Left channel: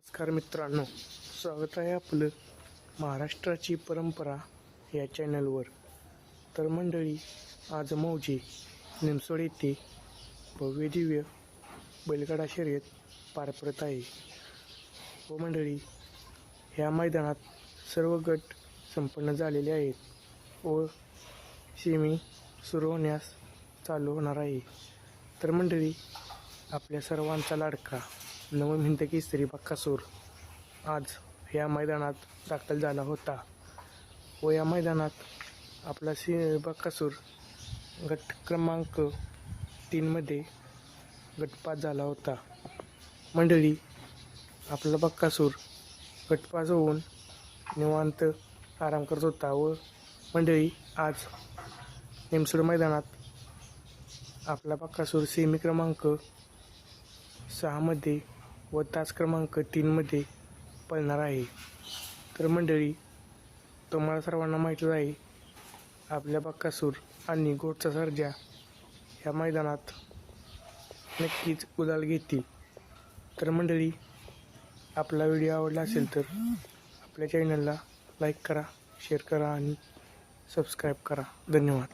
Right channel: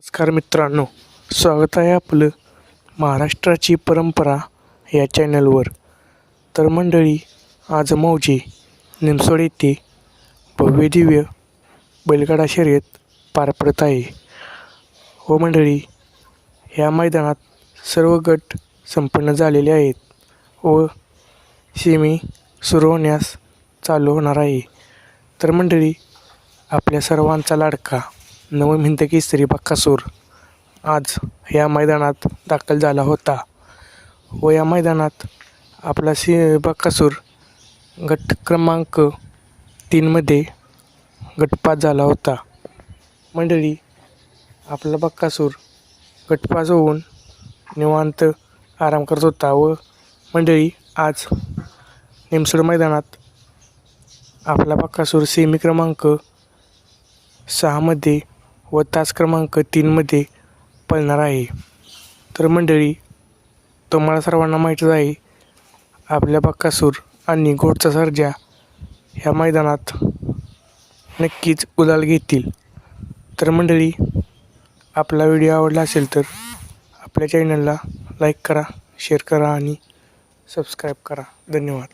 नमस्कार मित्रांनो स्वागत आहे आपलं महाराष्ट्राची परंपरा या चॅनलवर. तर मंडळी आज मौजे निमसोड येथे भव्यदिव्य बैलगाडा शर्यत पार पडत आहे. हो मंडळी ह्या मैदानात सर्व गट संपन्न झालेले आहेत व सेमी सुरू होण्यास चालू होणार आहे. तर मंडळी आपल्या सर्वांचा लाडका नवम की केसरी बक्कासूर. आज या मैदानात दाखल झाला होता. व या मैदानात आपला सी बक्कासूर गट क्रमांक तीनमध्ये गटपात झाला होता. मंडळी आपला बक्कासूर गटपास होऊन निवांत आराम करत होता व मंडळी आज निमसोड मैदानात आपला बक्कासूर सेमी क्रमांक सहामध्ये व तास क्रमांक तीनमध्ये पळणार आहे. तर मंडळी तुम्हाला सर्वांना माहीतच आहे आपल्या बक्कासूर आणि घोडचा सर्जा ह्या मैदानात नक्कीच उलाल घेतील. तर मंडळी आपला व्हिडिओ आवडला असेल तर आपल्या चॅनलला लाईक करा शेअर करा आणि सबस्क्राईब करा. धन्यवाद.